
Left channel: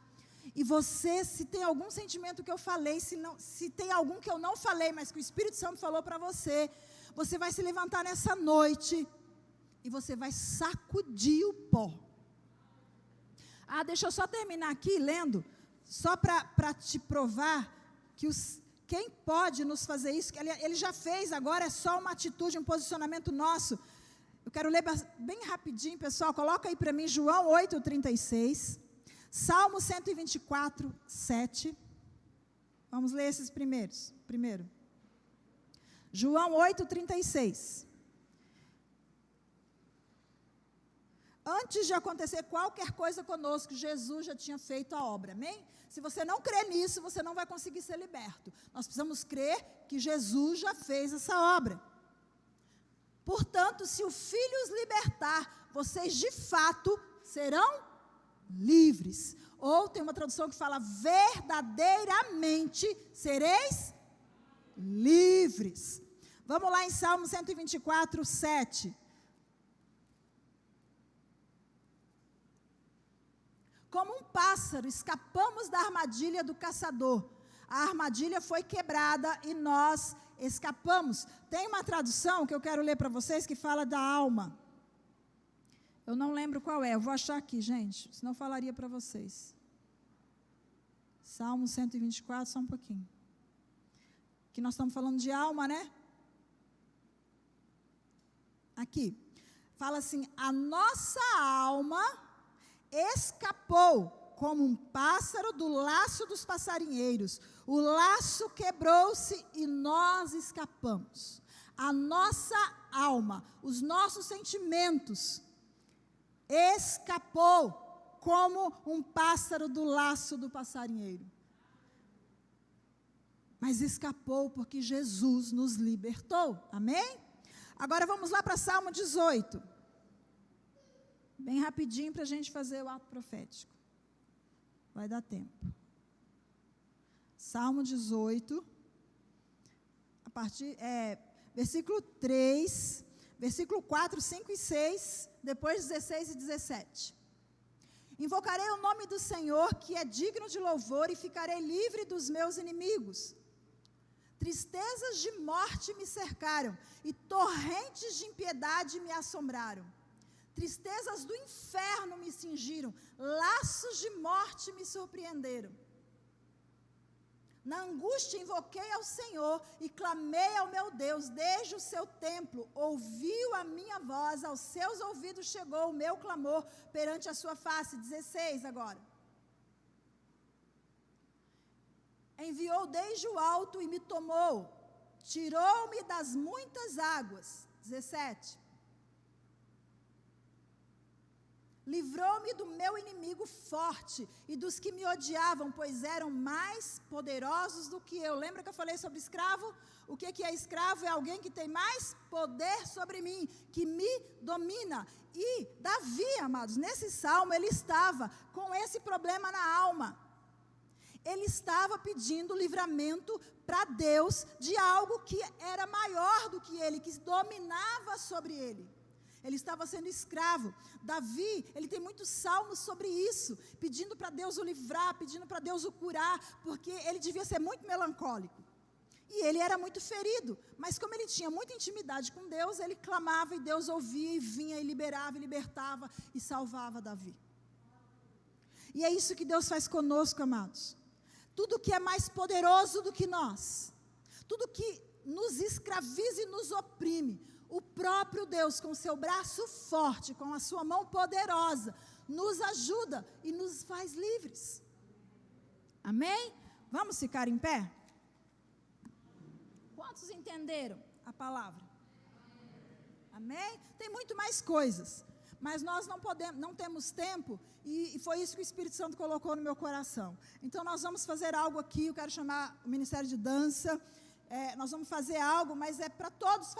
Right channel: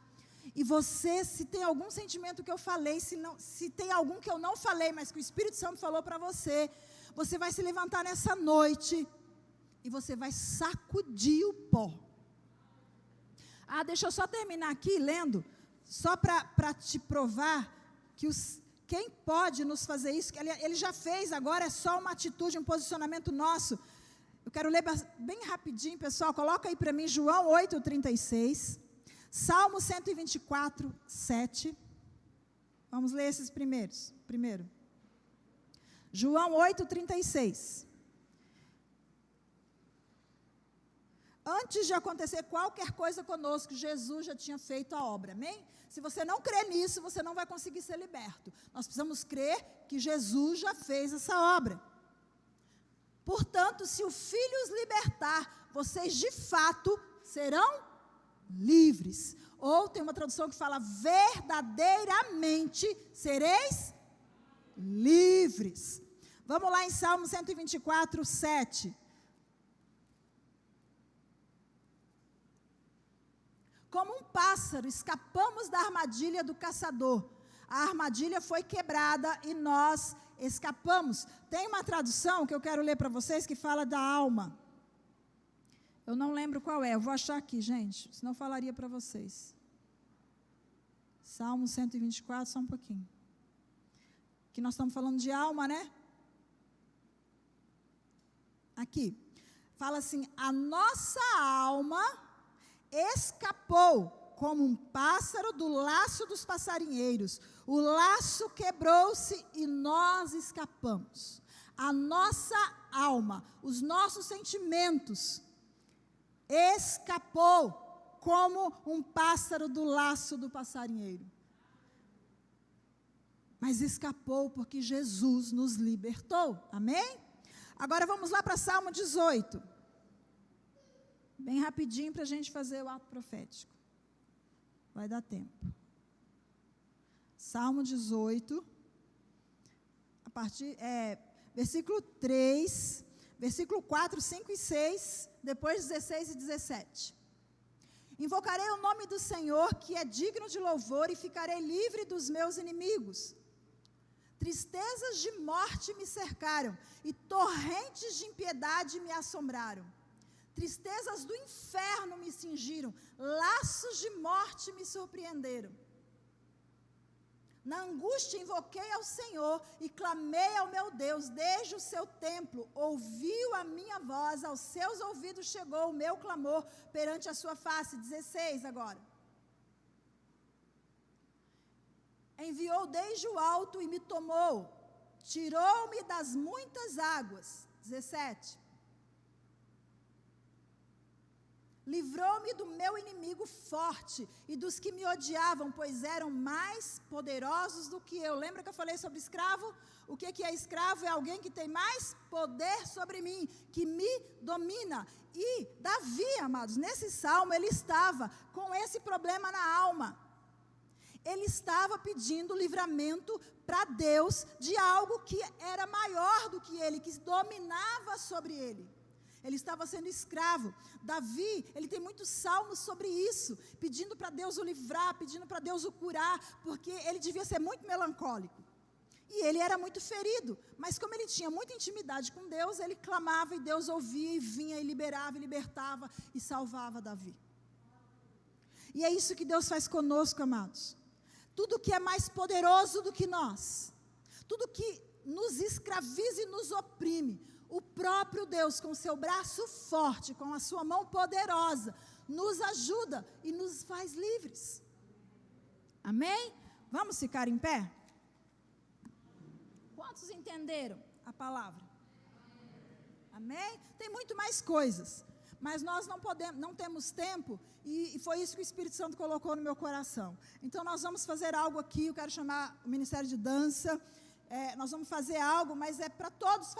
E você, se tem algum sentimento que eu falei, se tem algum que eu não falei, mas que o Espírito Santo falou para você, você vai se levantar nessa noite e você vai sacudir o pó. Deixa eu só terminar aqui lendo, só para te provar que quem pode nos fazer isso, que ele já fez, agora é só uma atitude, um posicionamento nosso. Eu quero ler bem rapidinho, pessoal, coloca aí para mim João 8:36, Salmo 124, 7. Vamos ler esses primeiros. Primeiro, João 8:36. Antes de acontecer qualquer coisa conosco, Jesus já tinha feito a obra, amém? Se você não crê nisso, você não vai conseguir ser liberto. Nós precisamos crer que Jesus já fez essa obra. Portanto, se o Filho os libertar, vocês de fato serão livres. Ou tem uma tradução que fala, verdadeiramente sereis livres. Vamos lá em Salmo 124, 7. Como um pássaro, escapamos da armadilha do caçador. A armadilha foi quebrada e nós escapamos. Tem uma tradução que eu quero ler para vocês que fala da alma. Eu não lembro qual é, eu vou achar aqui, gente, senão eu falaria para vocês. Salmo 124, só um pouquinho. Que nós estamos falando de alma, né? Aqui. Fala assim, a nossa alma escapou como um pássaro do laço dos passarinheiros. O laço quebrou-se e nós escapamos. A nossa alma, os nossos sentimentos, escapou como um pássaro do laço do passarinheiro. Mas escapou porque Jesus nos libertou. Amém? Agora vamos lá para Salmo 18. Bem rapidinho para a gente fazer o ato profético. Vai dar tempo. Salmo 18, versículo 3, versículo 4, 5 e 6, depois 16 e 17. Invocarei o nome do Senhor, que é digno de louvor, e ficarei livre dos meus inimigos. Tristezas de morte me cercaram, e torrentes de impiedade me assombraram. Tristezas do inferno me cingiram, laços de morte me surpreenderam. Na angústia invoquei ao Senhor e clamei ao meu Deus, desde o seu templo, ouviu a minha voz, aos seus ouvidos chegou o meu clamor perante a sua face. 16 agora. Enviou desde o alto e me tomou, tirou-me das muitas águas. 17. Livrou-me do meu inimigo forte e dos que me odiavam, pois eram mais poderosos do que eu. Lembra que eu falei sobre escravo? O que é escravo? É alguém que tem mais poder sobre mim, que me domina. E Davi, amados, nesse salmo, ele estava com esse problema na alma. Ele estava pedindo livramento para Deus de algo que era maior do que ele, que dominava sobre ele. Ele estava sendo escravo. Davi, ele tem muitos salmos sobre isso, pedindo para Deus o livrar, pedindo para Deus o curar, porque ele devia ser muito melancólico. E ele era muito ferido, mas como ele tinha muita intimidade com Deus, ele clamava e Deus ouvia e vinha e liberava, e libertava e salvava Davi. E é isso que Deus faz conosco, amados. Tudo que é mais poderoso do que nós, tudo que nos escraviza e nos oprime, o próprio Deus, com seu braço forte, com a sua mão poderosa, nos ajuda e nos faz livres. Amém? Vamos ficar em pé? Quantos entenderam a palavra? Amém? Tem muito mais coisas, mas nós não temos tempo, e foi isso que o Espírito Santo colocou no meu coração. Então nós vamos fazer algo aqui, eu quero chamar o Ministério de Dança, nós vamos fazer algo, mas é para todos